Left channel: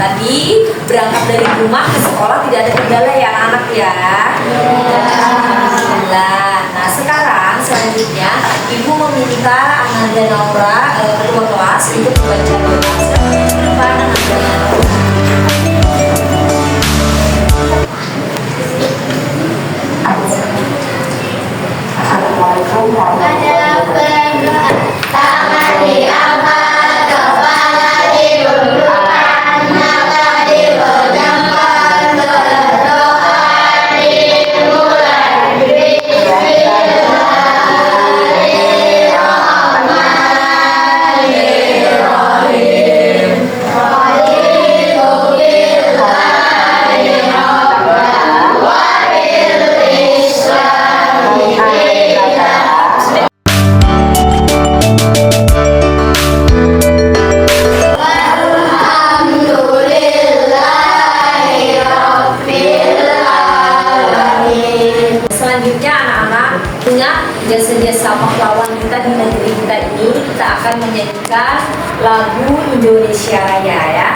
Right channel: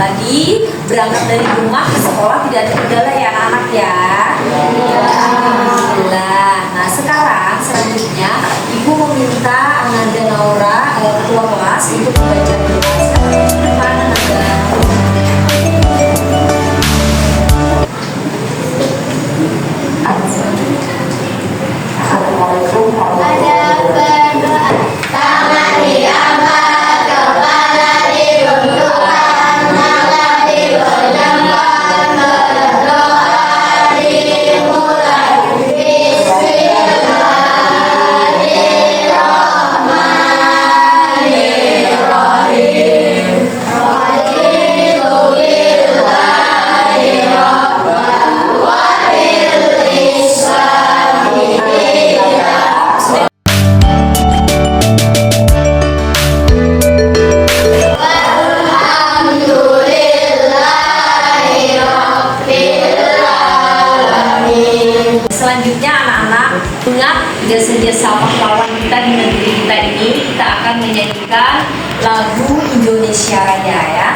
tadi berangkat dari rumah ke sekolah tidak ada kendala ya anak-anak ya. Alhamdulillah. Nah sekarang selanjutnya Ibu meminta Ananda Naura ketua kelas untuk belajar depan Ananda. Selanjutnya anak-anak ingat jasa-jasa pahlawan kita di negeri kita ini, kita akan menyanyikan lagu Indonesia Raya ya.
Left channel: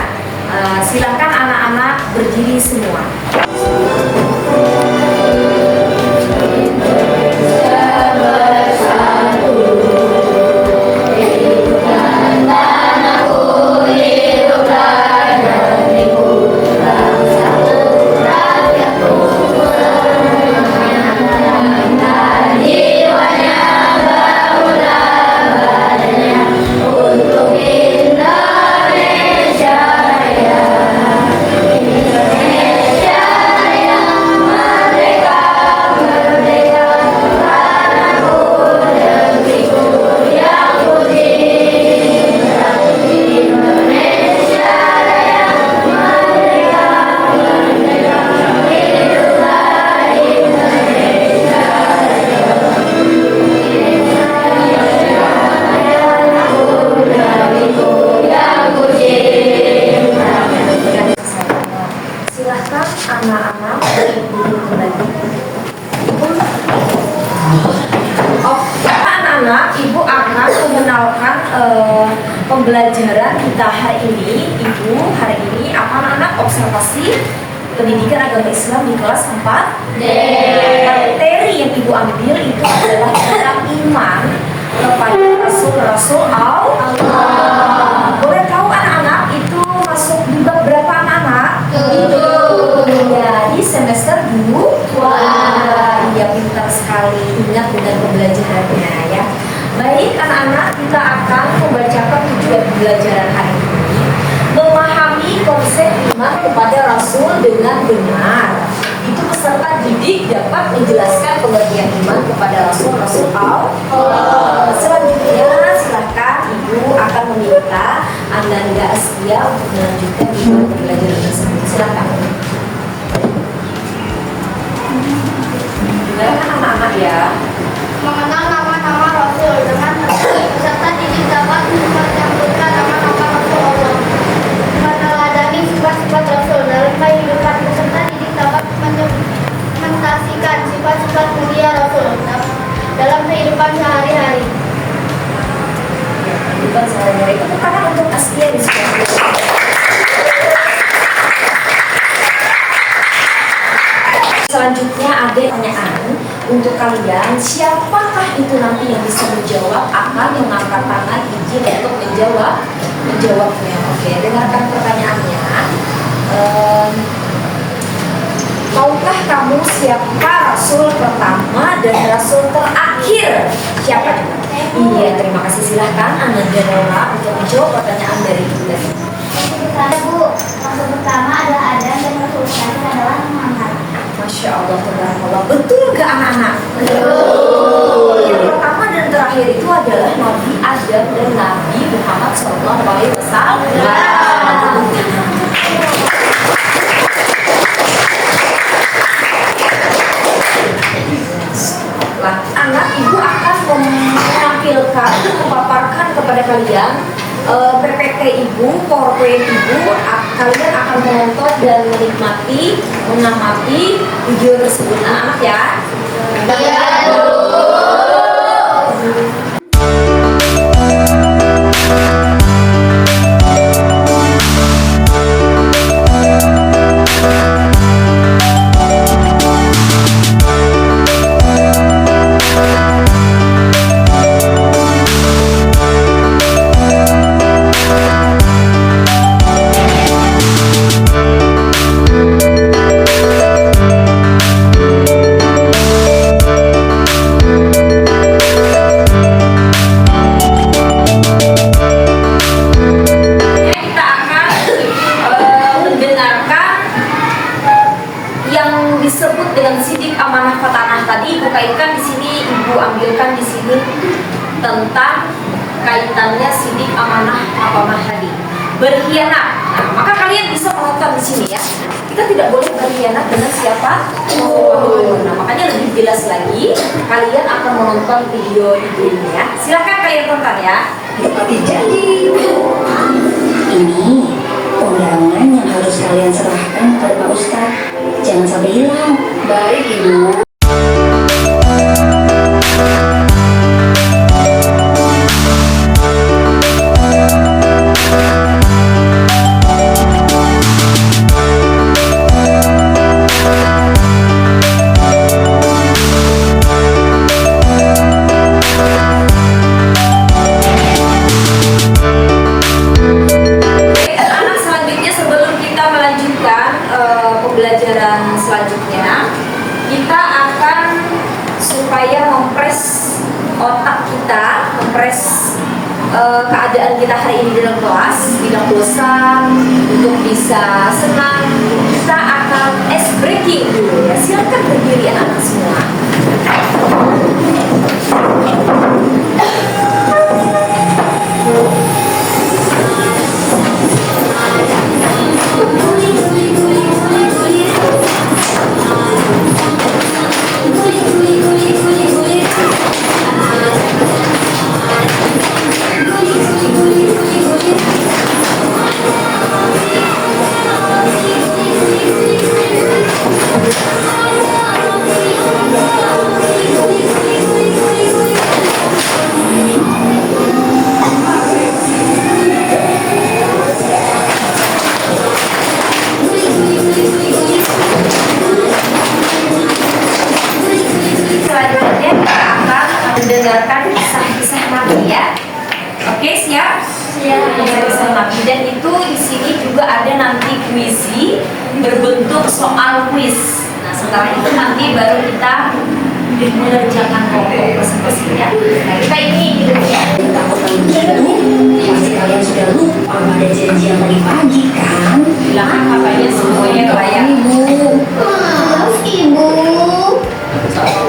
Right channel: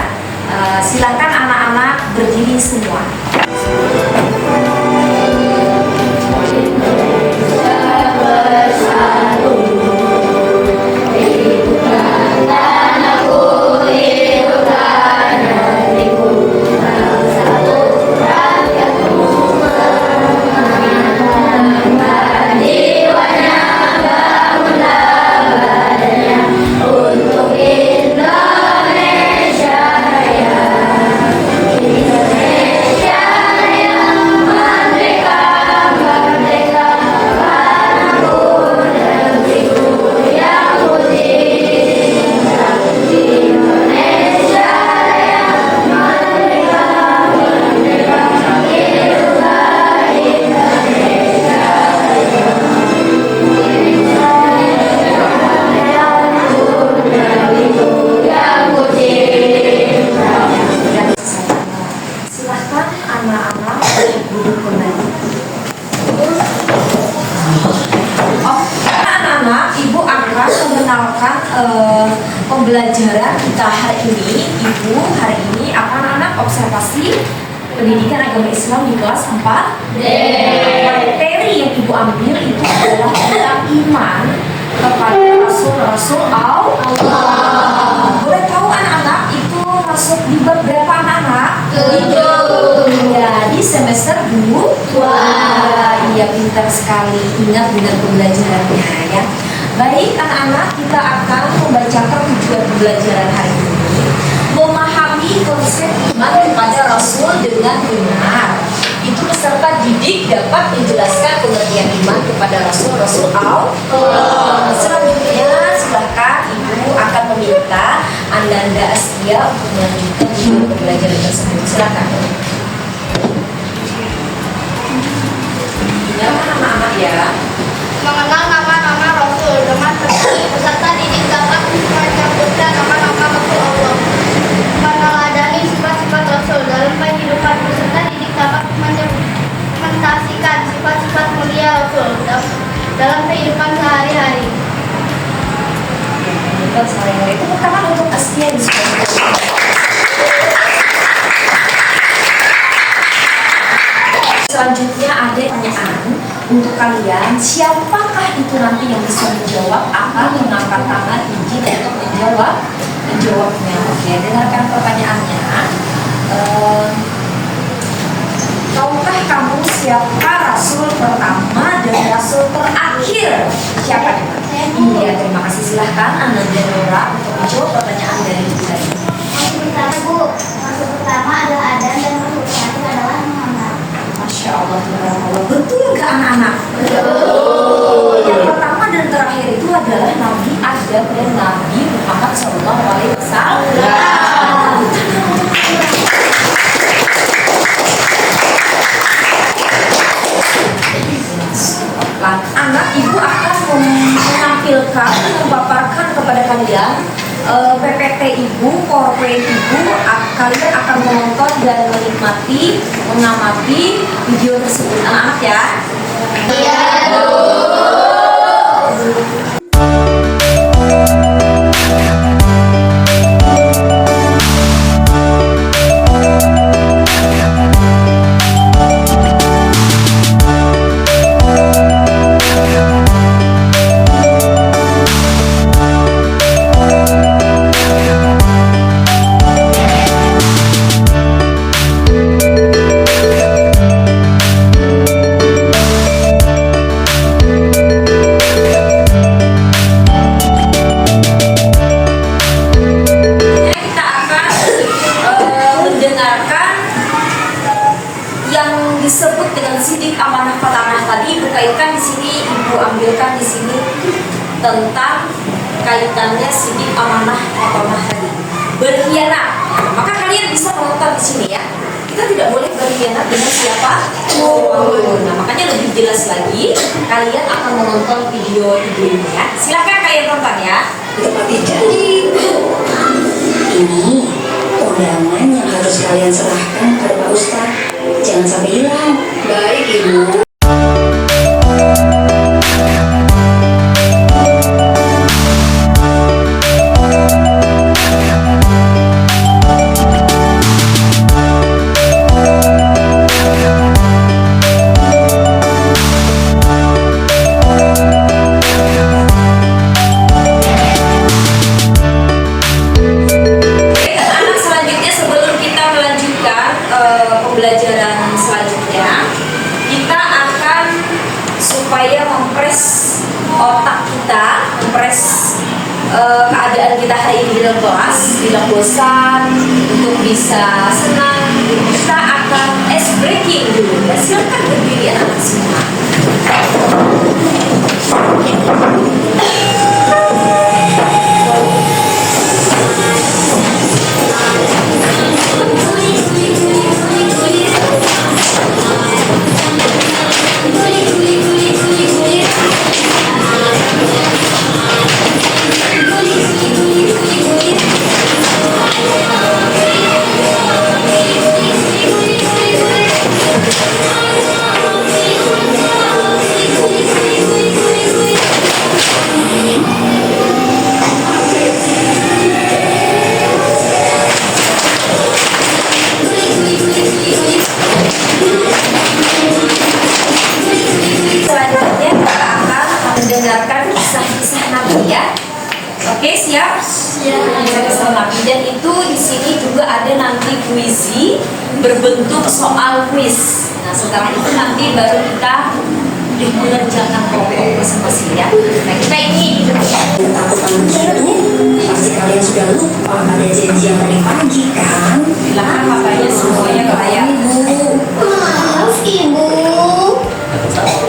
Silakan anak-anak berdiri semua. Ibu akan mengenalkan pembelajaran kita hari ini. Ibu hari ini anak-anak observasi pendidikan agama Islam di kelas 4 D. Materi yang Ibu ambil itu adalah tentang iman kepada Rasul-Rasul Allah. Boleh tahu anak-anak itu masuk di bab berapa anak-anak? Ya, di semester 2. Wah, iya pintar sekali, ingat dengan pembelajarannya ya. Baik anak-anak, kita akan membacakan tujuan pembelajaran hari ini. Memahami konsep iman kepada Rasul dengan benar. Itu peserta didik dapat menjelaskan pengertian iman kepada Rasul-Rasul Allah. Selanjutnya, silakan Ibu akan meminta Ananda Astia untuk melanjutkan video pembelajaran tersebut. Silakan. Dengarkan anak-anak ya. Mengenal nama-nama Rasul dengan peserta didik dapat menyebutkan nama-nama Rasul Allah. Meneladani sifat-sifat Rasul dalam kehidupan peserta didik dapat mendokumentasikan sifat-sifat mulia Rasul dalam kehidupan sehari-hari. Kehidupan sehari-hari. Tepuk tangan untuk Astia di sini. Selanjutnya ada pertanyaan untuk kalian. Siapakah itu nanti yang bisa menjawab akan mengangkat tangan izin untuk menjawabnya. Oke, dengarkan pertanyaannya. Tahukah kamu siapa Rasul pertama dan Rasul terakhir? Siapa nih? Iya, terima kasih. Silahkan Ananda Naura untuk menjawab pertanyaan dari Ibu tadi. Rasul pertama adalah Adam dan Rasul terakhir adalah Muhammad. Masya Allah, tabarakallah. Betul gak anak-anak? Betul. Yang pertama dan terakhir itu adalah Nabi Adam dan Nabi Muhammad SAW. Anak Ibu akan menampilkan, memaparkan kepada kalian PPT Ibu, PowerPoint Ibu. Kalian akan menonton dan menikmati, mengamati video tersebut. Anak-anak ya. Iya, Bu. lanjutannya sidik, amanah, maqamah tadi. Berkhianat. Nah, maka kalian bisa melakukan di sini ya. Kita tidak boleh berkhianat dengan siapa? Nah, makanya lebih jelas lagi, kalian akan menonton video ini ya. Silahkan kalian tonton ya. Tepati janji. Ini undangan yang harus kalian serahkan kepada Pak Ustadz. Jangan sampai hilang. Baik, Ibu. Pembelajaran selanjutnya kita akan supaya mempres otak kita, mempres keadaan kita hari ini dalam kelas, tidak bosan, untuk bisa senang. Kita akan ice breaking dulu ya. Silakan berdiri anak-anak semua. Selanjutnya kita akan mendengarkan kisah-kisah Nabi ya. Oke, siap? Kisah-kisah Nabi, dan itu di sini juga ada nanti kuisi berbentuk soal kuis. Nah, setelah itu nanti baru kita mengerjakan kelompok masing-masing ya. Nah, kita ini Takutan begitu, pasti kalian sudah lupa pada janji yang tadi pagi kan? bilang papanya semuanya ke layar. Maaf, Ibu.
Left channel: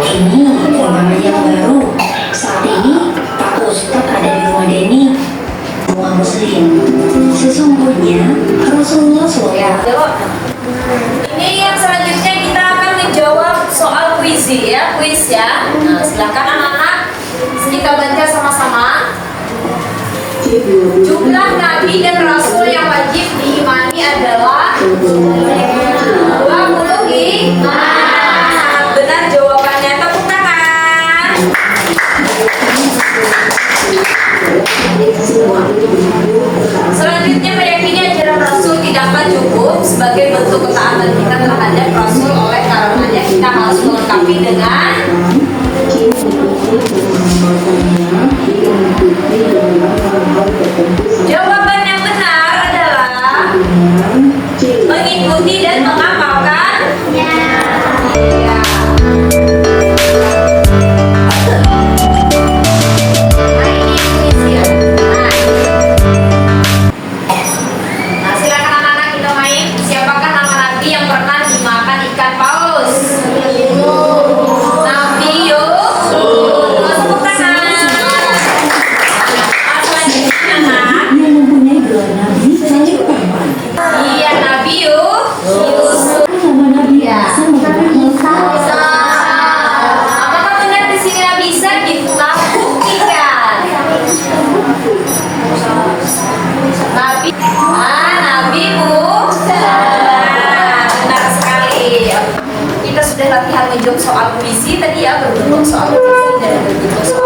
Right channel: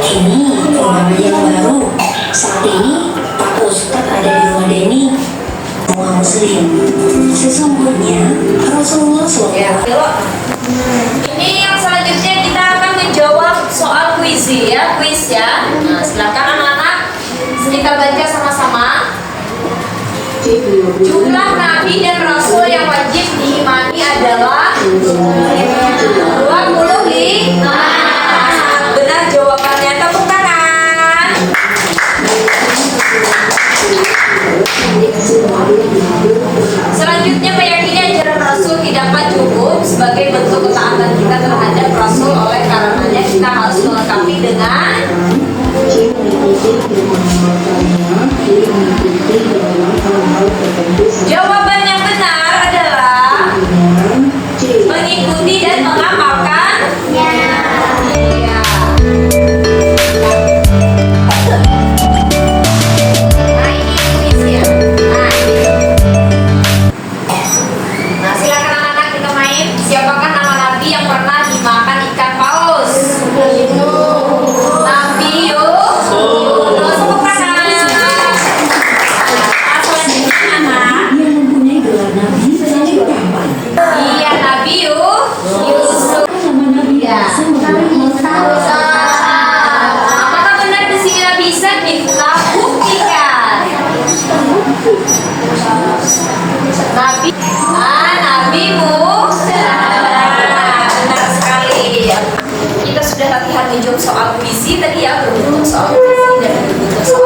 Ini undangan yang baru. Saat ini Pak Ustadz ada di rumah Denny. Semua muslim. Sesungguhnya Rasulullah Ya, SAW. yuk. Ini yang selanjutnya kita akan menjawab soal kuis ya, kuis ya. Nah, silakan anak-anak kita baca sama-sama. Jumlah nabi dan rasul yang wajib diimani adalah 25. Benar jawabannya, tepuk tangan. Selanjutnya, meyakini ajaran Rasul tidaklah cukup sebagai bentuk ketaatan kita terhadap Rasul, oleh karenanya kita harus melengkapi dengan jawaban yang benar adalah mengikuti dan mengamalkan. Iya. Nah, ini kuis ya. Nah, silakan anak-anak kita main. Siapakah nama nabi yang pernah dimakan ikan paus? Nabi Yunus. Tepuk tangan. Selanjutnya anak. Yang mempunyai gelar Nabi paling tampan. Iya, Nabi Yusuf. Nama Nabi Ya. sama Apakah benar di sini Nabi Isa? Kita buktikan. Nabi Musa. Benar sekali. Kita sudah latihan menjawab soal puisi tadi ya, berbentuk soal puisi dan berbentuk soal.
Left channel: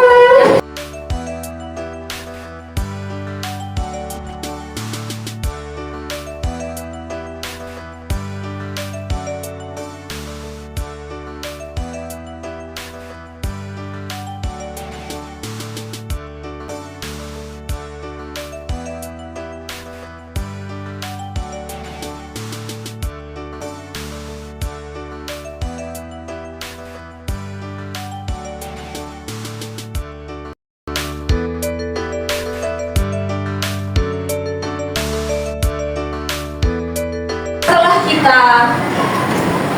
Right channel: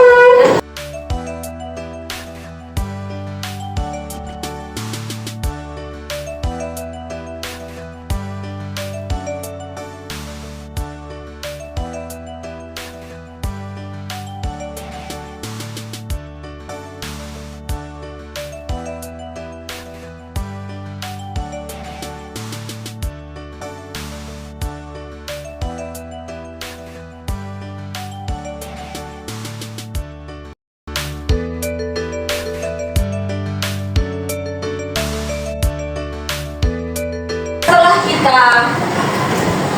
Kita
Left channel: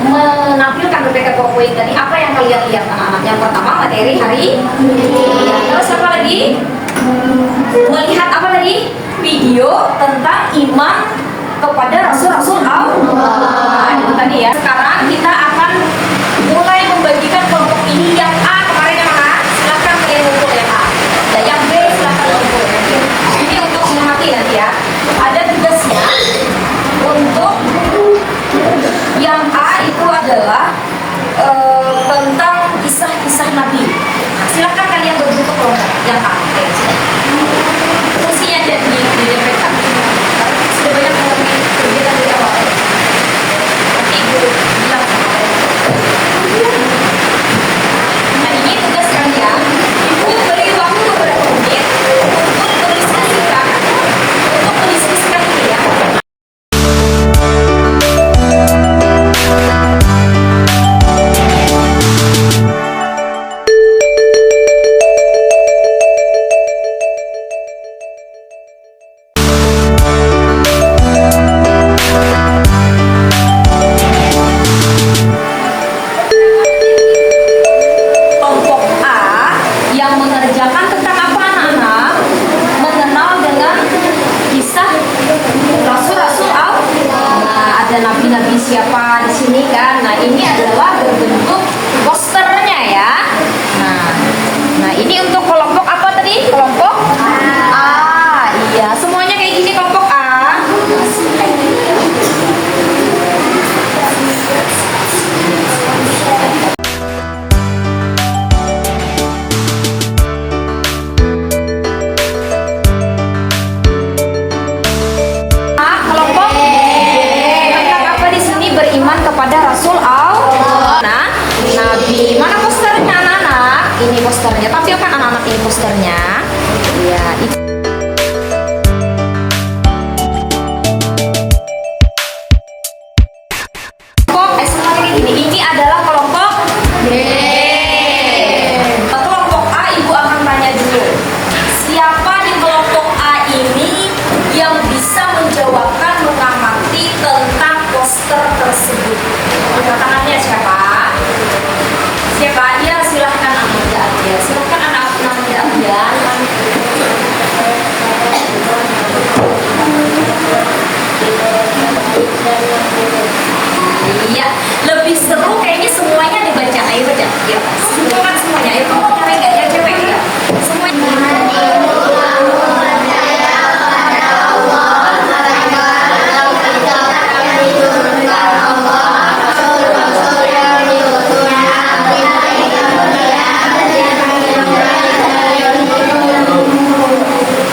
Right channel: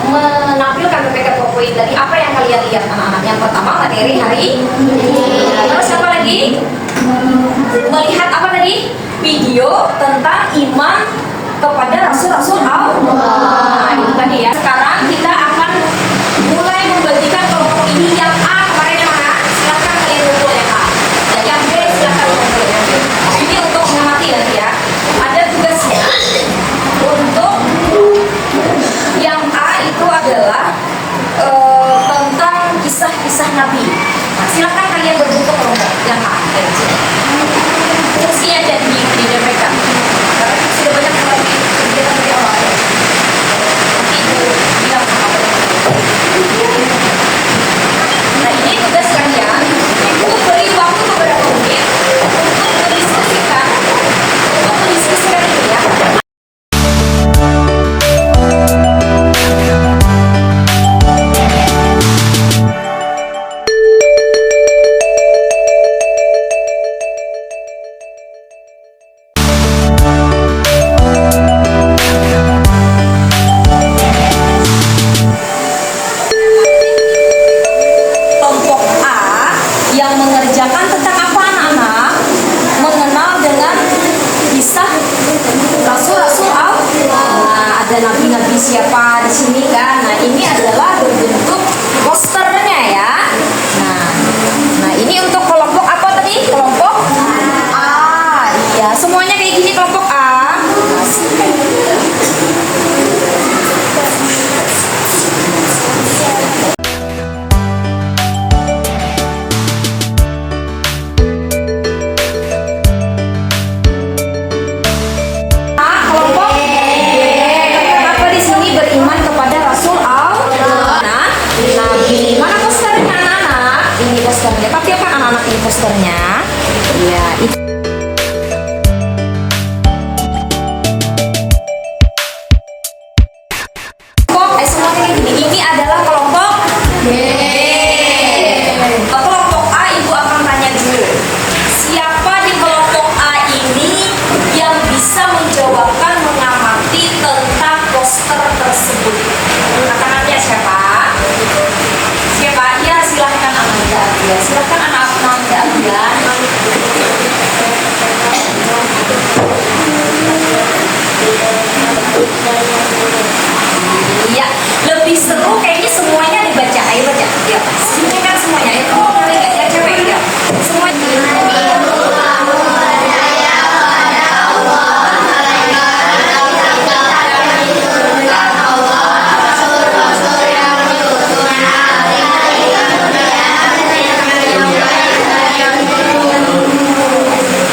menampilkan PPK PowerPoint tadi, apa yang kalian lihat anak-anak? Yang pertama materi hari ini. Terus apa lagi? melihat apa tadi? Video tentang iman kepada Rasul-Rasul Allah. Nah, itu tadi ya. Sekarang kita akan mulai membagikan kelompok ini. Yang A kemarin yang mana? Silahkan kalian ngumpul ya A. Dan yang B silahkan ngumpul ya. Ini untuk mengamati nanti ya. Ada tugasnya untuk yang A itu adalah tentang kisah-kisah Nabi. Nah, silahkan kalian berbentuk kelompok yang A. Fungsinya jadi di mereka. Sudah banyak kegiatan dari awal. Nanti ibu bilang sama kalian. Nah, ini tugas kalian. Ibu beri waktu beberapa menit untuk mendiskusikan ini ya. Kelompok A yang mengerjakan tentang apa anak-anak? Mengenal dengan kisah Rasul-Rasul Allah. Nah, ada nabi-nabi siapa di sini kan? Nah, ini adalah berbentuk posternya ya. Nah, ini untuk kelompok apa tadi? Kelompok A. Iya, semuanya kayak gini kelompok A. Kelompok B. Tentang apa di sini? Beriman kepada Rasul Allah. Nah, Nabi. Mana posternya anak-anak? Ini posternya. Tapi apa anak-anak ini posternya? Iya, itu. Kelompok semua kayak gini. Ini adalah kelompok B. Kelompok A ibu akan tanya dulu. Siapa di kelompok A ini yang bisa menjawabkan mengamati tentang poster tersebut? Angkat tangannya siapa? Siapa? Ya silahkan ambil ya. Silahkan anak-anak ambil ya. Iya, lebih seru kayaknya semuanya dibaca. Ayo baca. Ya, silakan semuanya. Itu mulai ya capek ya. Semuanya.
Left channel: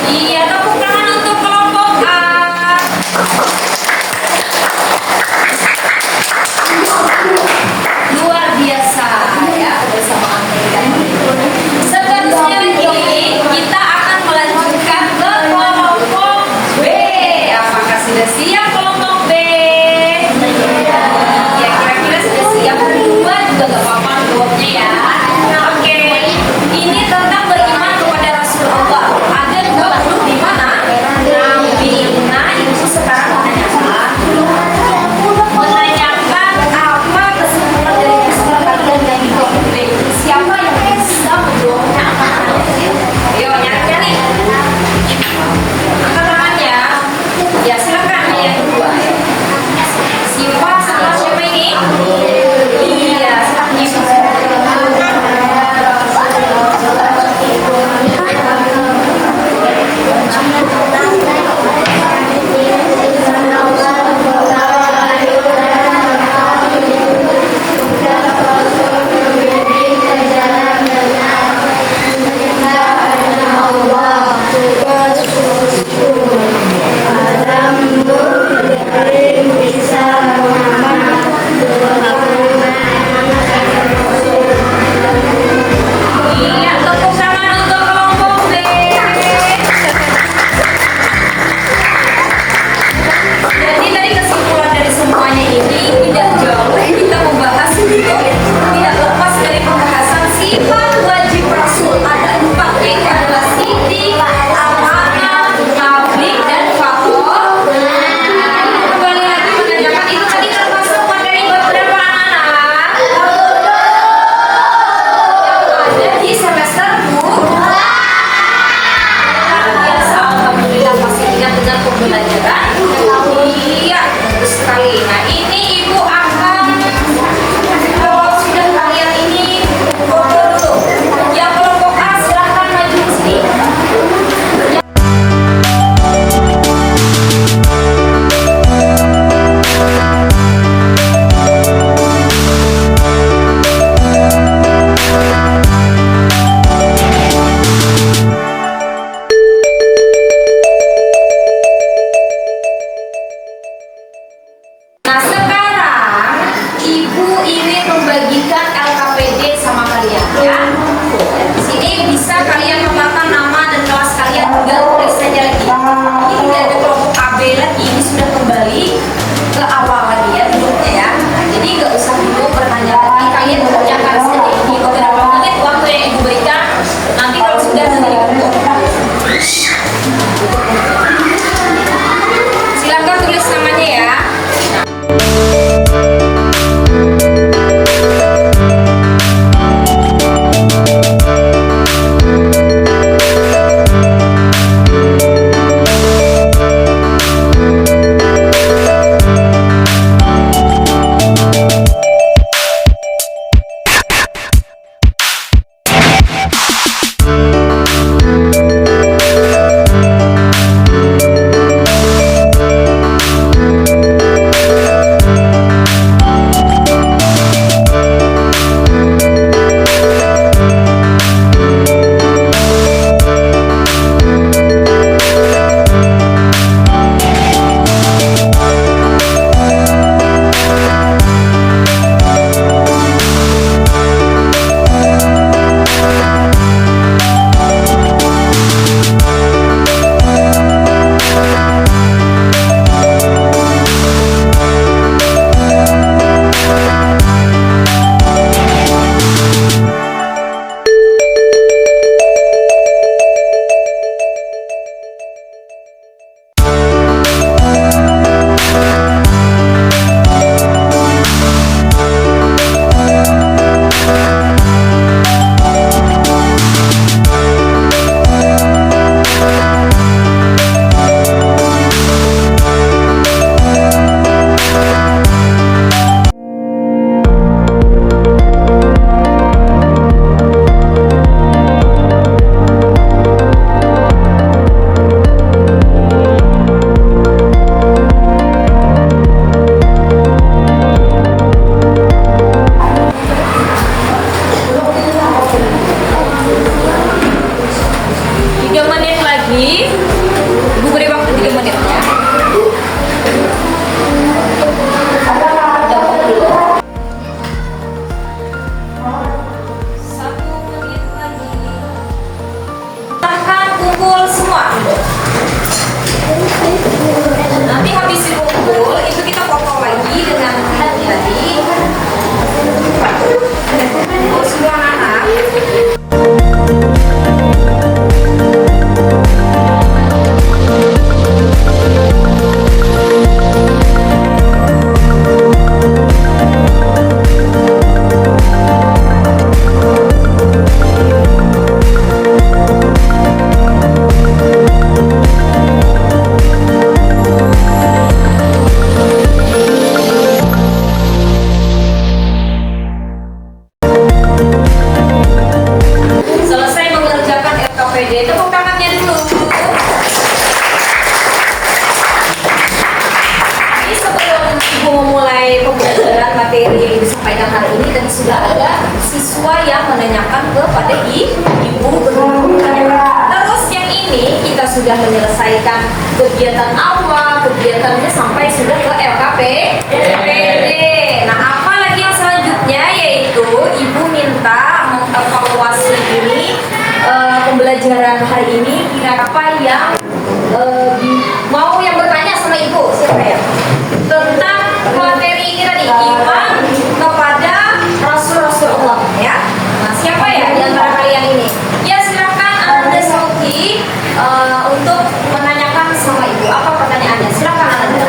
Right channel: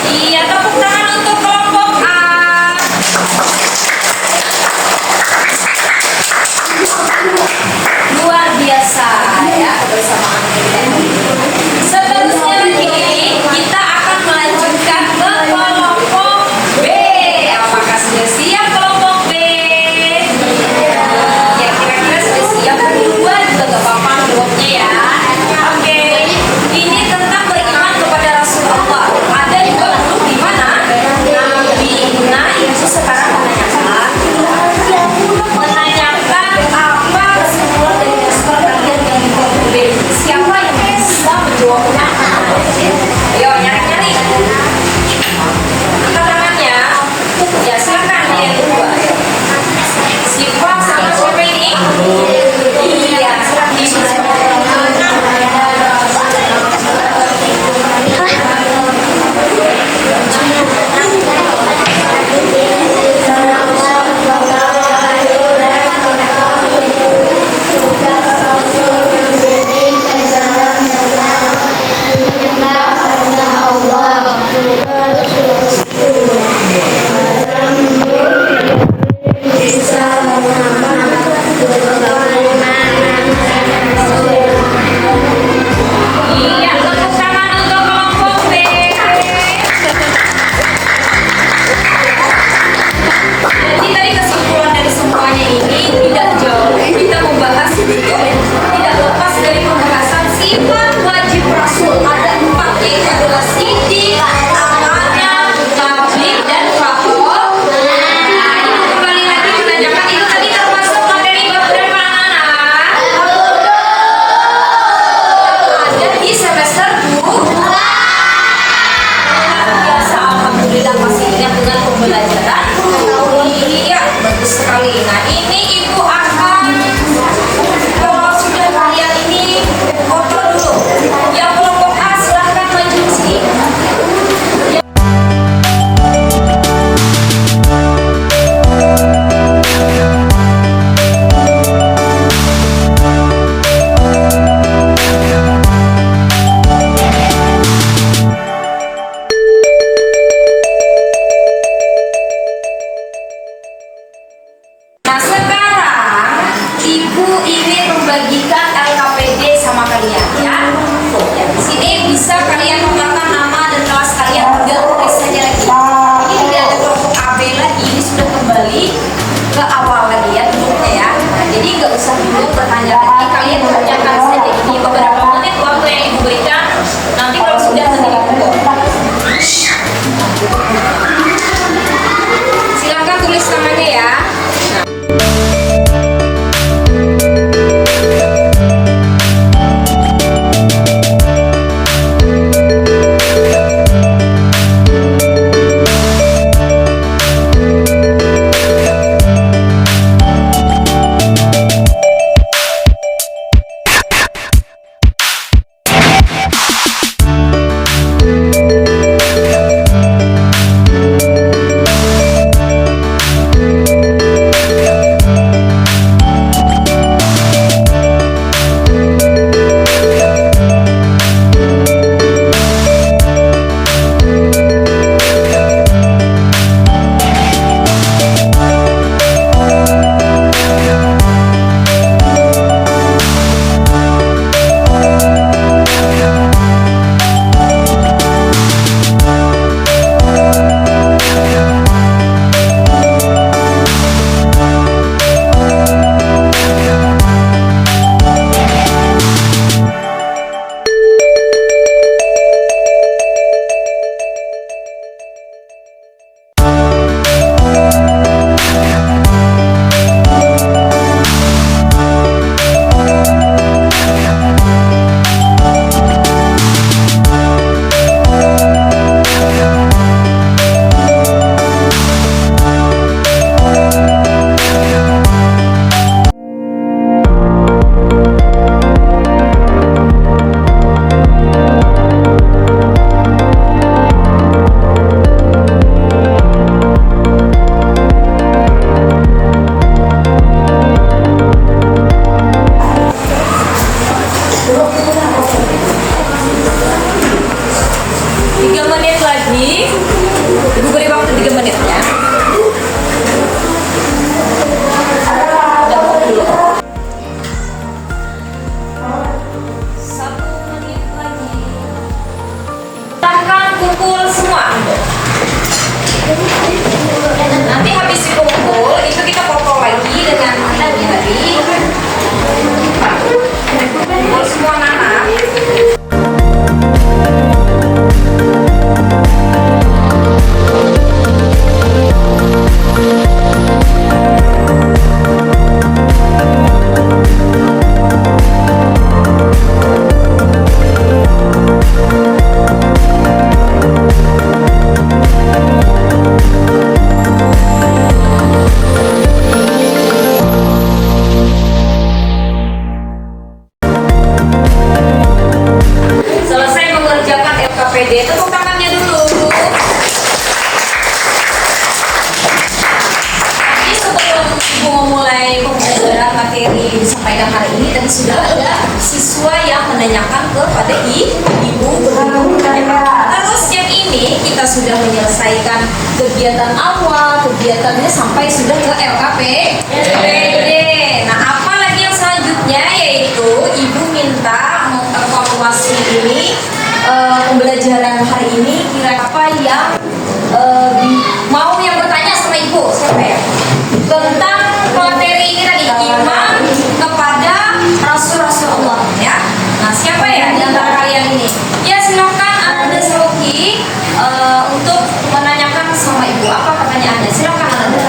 Iya, tepuk tangan untuk kelompok A. Luar biasa ya bersama kita. ingin membagikan LKPD sama kalian ya. Di sini bisa kalian memakan nama dan kelas kalian, tinggal tulis saja lagi. Ini tidak ada kelompok AB lagi, ini sudah kembali ke awal lagi ya grupnya ya. Jadi nggak usah bingung bertanya lagi, kalian kerjakan saja ini beberapa menit waktu yang ibu berikan. Nanti kalau sudah nanti kumpul. Silakan tulis namanya ya. Ibu beri waktu 3 menit ya. Satu menit lagi. Silahkan kumpul semua. Nanti habis kumpul itu kita foto lagi dengan hati-hati. Kumpul semua anak-anak. Tepuk tangannya dulu. Jadi sebelum ibu memulai pembelajaran materi yang disampaikan hari ini, tadi sudah ada siswa yang menanyakan kepada ibu berburu. Terus yang ini kita sudah menyelesaikan kegiatan awal, kegiatannya sampai sudah ke LKPD. Nah, apa lagi yang selanjutnya, yaitu ibu minta mengevaluasi ini pembelajaran hari ini, kira apa yang mau yang bertanya sama ibu, siapa ya, tentang materi ini tadi, iman kepada Rasul-Rasul Allah ya. Nah, siapa ya di antara kalian ini? Ya silakan Anda Sauki untuk menanyakan sama ibu. Apa pertanyaannya? Silakan Anda.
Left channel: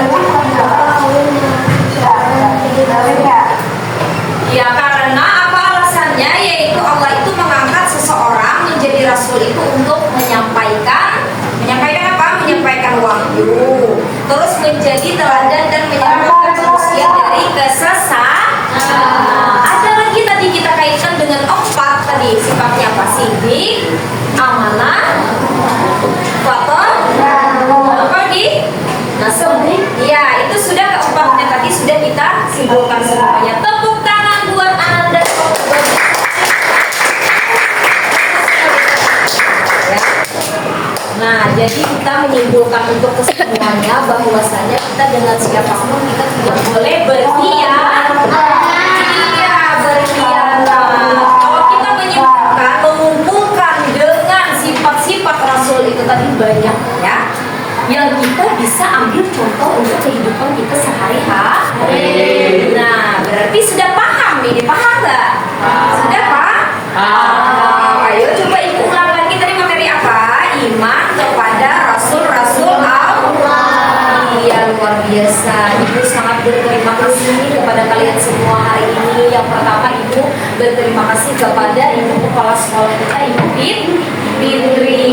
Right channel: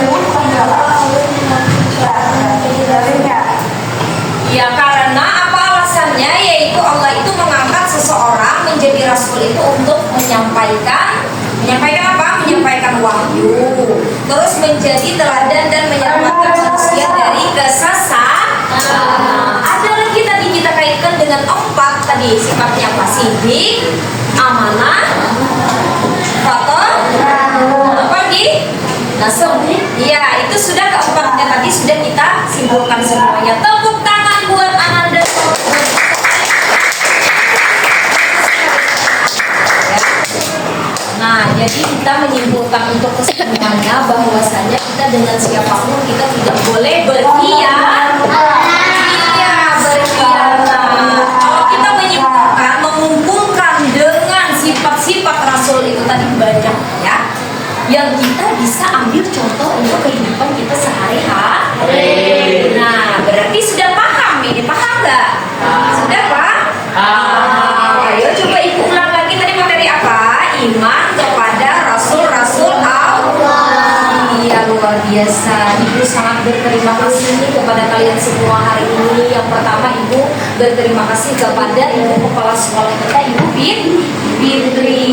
Ya, karena apa alasannya, yaitu Allah itu mengangkat seseorang menjadi rasul itu untuk menyampaikan apa? Menyampaikan wahyu, terus menjadi teladan dan menyelamatkan manusia dari kesesatan. Ada lagi tadi kita kaitkan dengan 4 tadi, sifatnya apa? Sidik, amanah, faton, apa lagi? Nasab. Ya, itu sudah keempatnya tadi sudah kita simpulkan semuanya. Tepuk tangan buat Ananda. Nah, jadi kita menyimpulkan untuk kesimpulannya bahwasanya kita dengan siapapun kita tidak boleh berkhianat. banyak ya, yang kita bisa ambil contoh untuk kehidupan kita sehari-hari. Nah, berarti sudah paham ini, paham nggak? Sudah Pak? Ayo coba ibu ulang lagi tadi materi apa? Iman kepada Rasul-Rasul Allah. Iya, luar biasa. Ibu sangat berterima kasih nih kepada kalian semua hari ini. Yang pertama, Ibu berterima kasih kepada Ibu Kepala Sekolah kita, Ibu Fitri.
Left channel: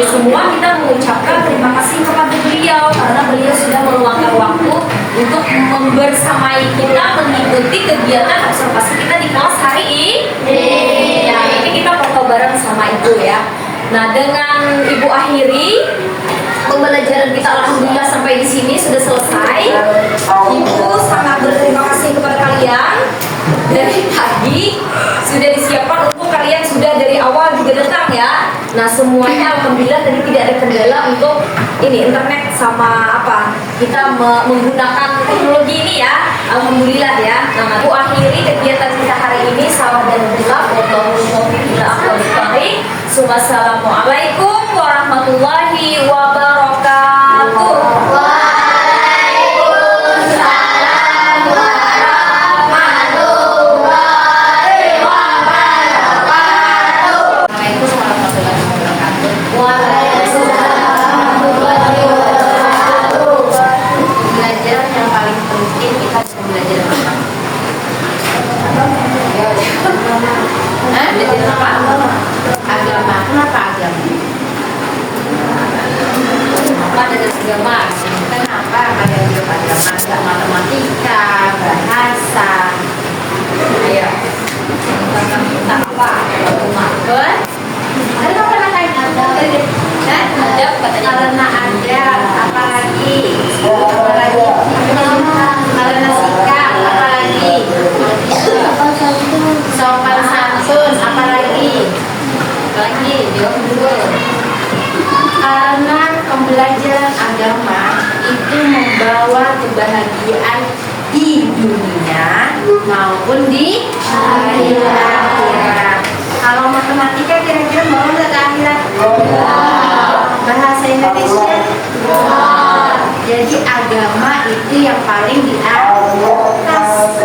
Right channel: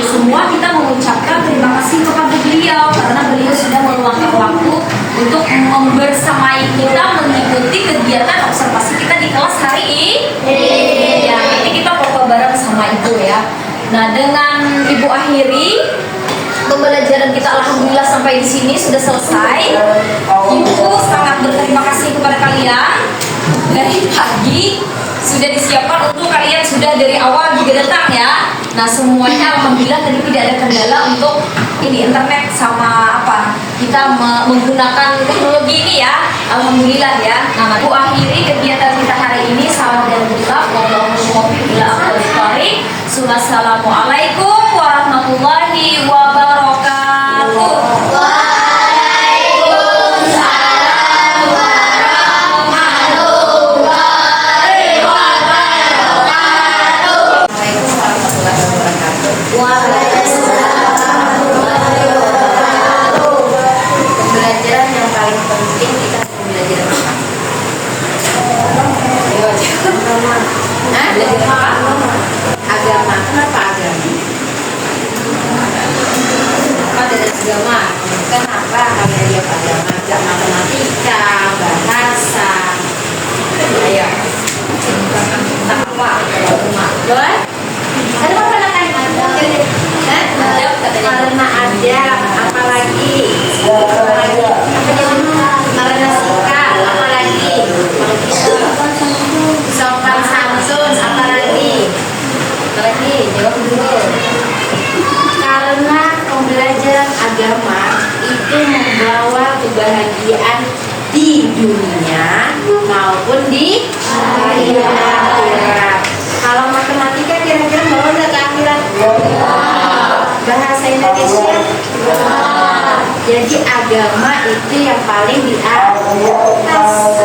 Semua kita mengucapkan terima kasih kepada beliau karena beliau sudah meluangkan waktu untuk membersamai kita mengikuti kegiatan observasi kita di kelas hari ini. Ya, ini kita foto bareng sama Ibu ya. Nah, dengan Ibu akhiri pembelajaran kita, alhamdulillah sampai di sini sudah selesai. Ibu sangat berterima kasih kepada kalian. Dari pagi sudah disiapkan untuk kalian, sudah dari awal juga datang ya. Nah, semuanya alhamdulillah tadi tidak ada kendala untuk ini internet sama apa kita menggunakan teknologi ini ya, alhamdulillah ya. Nah, Ibu akhiri kegiatan kita hari ini. Salam dan berkah. Wassalamualaikum warahmatullahi wabarakatuh. Waalaikumsalam warahmatullahi wabarakatuh. Pembelajaran yang paling penting kita belajar apa? Belajar apa? Agama. Kenapa agama? Kenapa dengan agama? Kenapa kalian lihat agama? Gak matematika, bahasa. Ayo. Apa? Boleh? Kenapa pernah karena ada apa lagi? Karena sikap, apa lagi? Sopan santun, apa lagi? Jawab dulu. Karena pembelajaran agama itu membawa kebahagiaan di dunia maupun di akhirat. Kalau matematika kira-kira mau nggak ke akhirat? Bahasa Indonesia? Jadi agama itu yang paling di atas,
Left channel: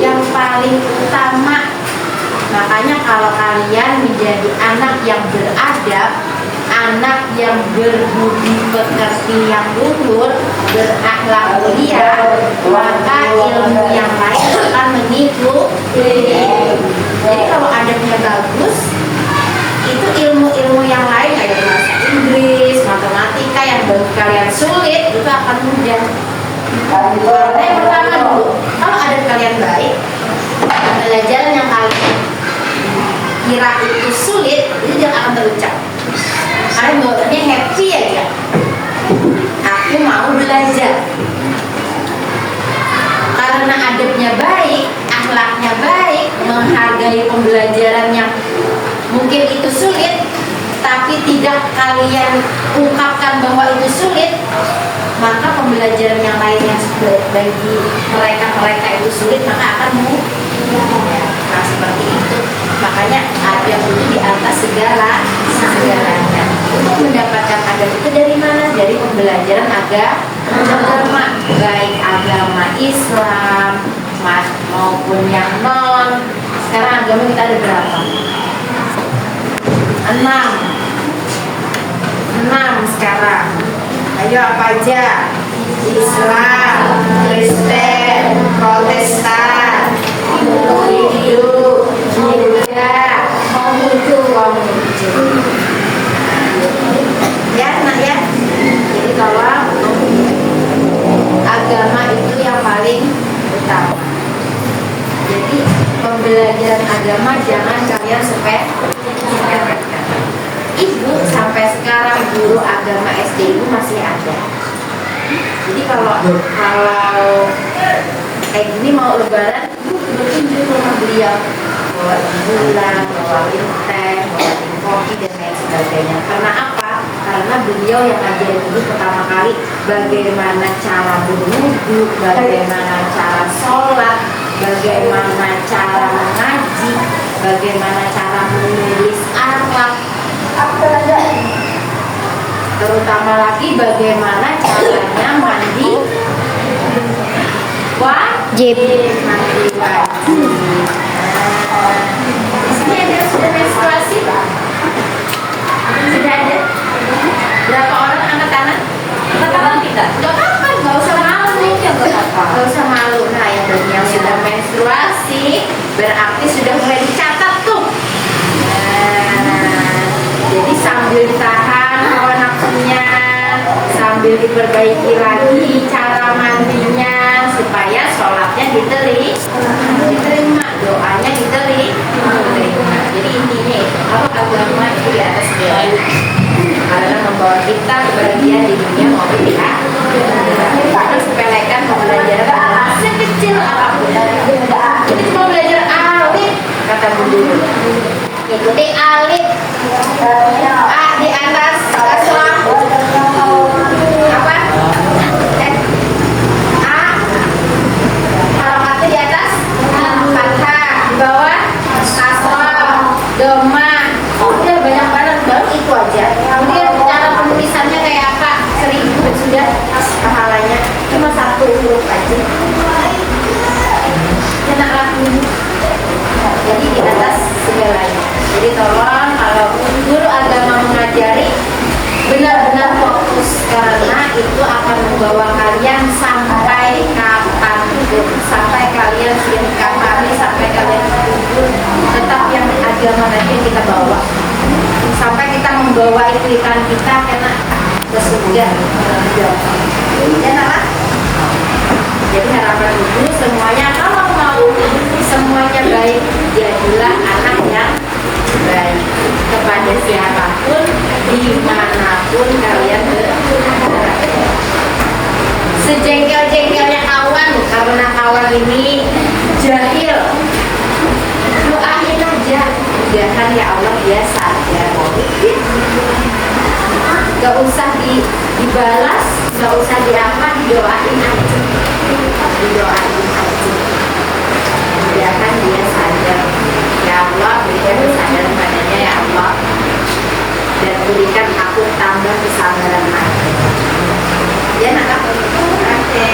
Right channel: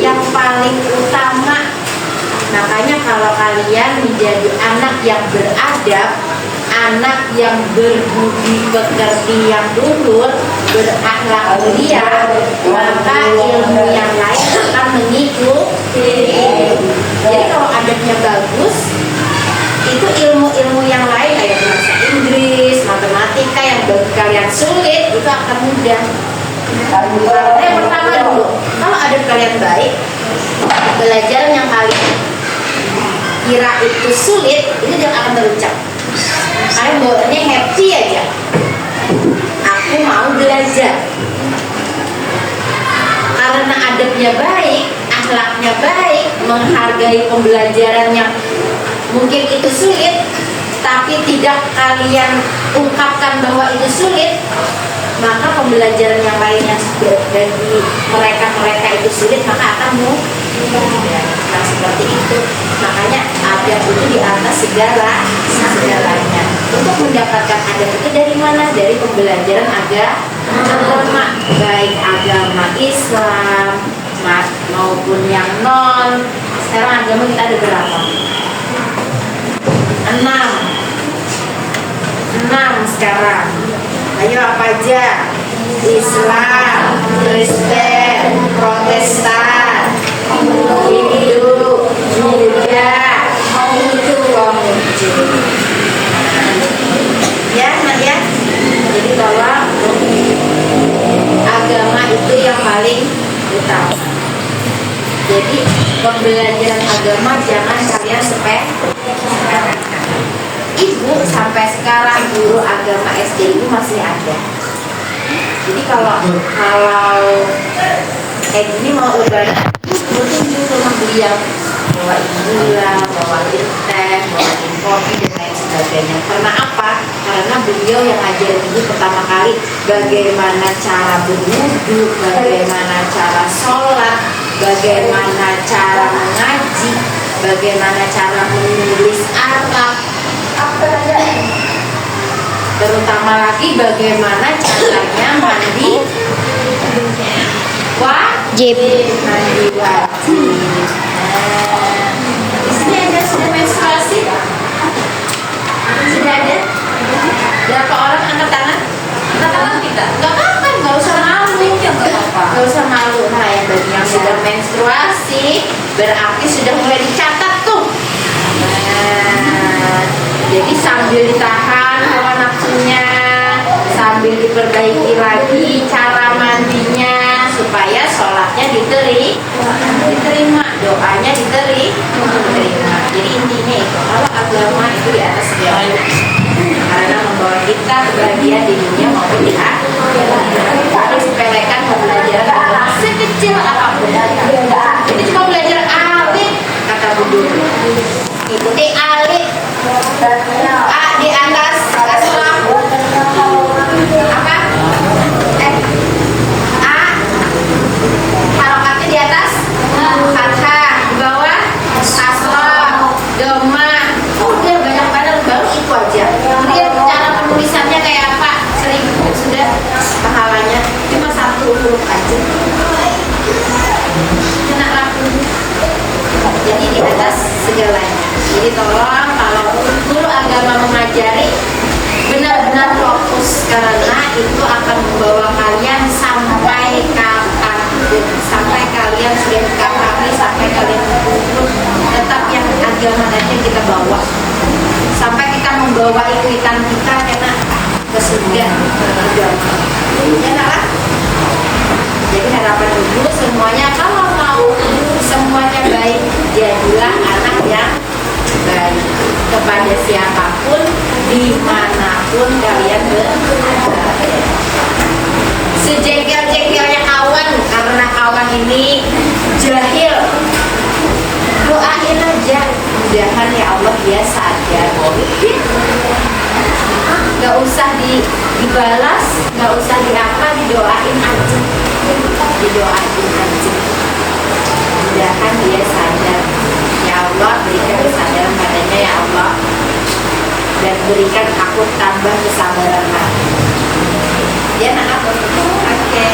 yang paling utama. Makanya kalau kalian menjadi anak yang beradab, anak yang berbudi pekerti yang luhur, berakhlak mulia, maka ilmu yang lain akan mengikuti. Jadi kalau adabnya bagus, itu ilmu-ilmu yang lain kayak bahasa Inggris, matematika yang bagi kalian sulit itu akan mudah. Karena yang pertama dulu, kalau adab kalian baik, pelajaran yang kalian kira itu sulit itu jangan akan terucap. Kalian bawaannya happy aja. Aku mau belajar. Karena adabnya baik, akhlaknya baik, menghargai pembelajaran yang mungkin itu sulit, tapi tidak kalian ungkapkan bahwa itu sulit, maka pembelajaran yang lain yang bagi mereka itu sulit maka akan mudah. Nah, seperti itu. Makanya adab itu di atas segalanya. Untuk mendapatkan adab itu dari mana? Dari pembelajaran agama, baik agama Islam maupun yang non. Sekarang agama kita ada berapa? 6 sekarang. Ayo apa aja? Islam, Kristen, Protestan, Hindu, Buddha, Konghucu. Ya, nah ya. Jadi kalau agama itu yang paling utama. Jadi pembelajaran agama jangan kalian sepelekan. Ibu sampai sekarang guru agama SD ibu masih ada. Jadi kalau kayak gini mau lebaran, rutin ke rumah beliau, bawain gula, bawain teh, bawain kopi dan lain sebagainya. Karena apa? Karena beliau yang ajarin ibu pertama kali bagaimana cara berwudu, bagaimana cara sholat, bagaimana cara mengaji, bagaimana cara menulis Arab. terutama lagi bagaimana caranya mandi Wajib. Mandi wajib. Di sini ada sudah menstruasi? Sudah ada? Berapa orang angkat tangan? Angkat tangan kita. Gak apa-apa, gak usah malu. Gak usah malu. Nah, yang bagi yang sudah menstruasi berarti sudah mulai dicatat tuh. Nah, jadi sambil ditahan hawa nafsunya, sambil diperbaiki lagi cara mandinya supaya sholatnya diterima, doanya diterima. Jadi intinya itu, kalau agama itu di atas segala karena membawa kita kebahagiaan di dunia maupun di akhirat. Jangan sepelekan pembelajaran sekecil apapun. Ini cuma belajar alif, kata guru. Ikuti alif. A di atas kasrah. Apa? A. Harokatnya di atas fathah, di bawah kasrah, dhamma. Udah banyak banget, baru itu aja. Kemudian cara penulisannya kayak apa? 1000 sudah pahalanya. Cuma 1 huruf aja. Kena laku. Jadi di atas segalanya. Jadi tolong kalau guru agama mengajari benar-benar fokus karena itu akan membawa kalian sampai kapanpun, sampai kalian sudah kafari, sampai kalian kubur, tetap yang agama aja kita bawa sampai kita membawa iklikan kita kena ke surga. Ya nak? Jadi harapan ibu semuanya kalau mau semuanya baik, jadilah anak yang baik kepada siapapun, dimanapun kalian berada. Sejengkel-jengkelnya kawan, karena kawan ini jahil, doain aja, mudahan ya Allah dia sadar. Gak usah dibalas, gak usah diapa, didoain aja, mudahan dia sadar. Ya Allah, berikan kesadaran padanya ya Allah, dan berikan aku tambah kesabaran hati. Ya nak, oke.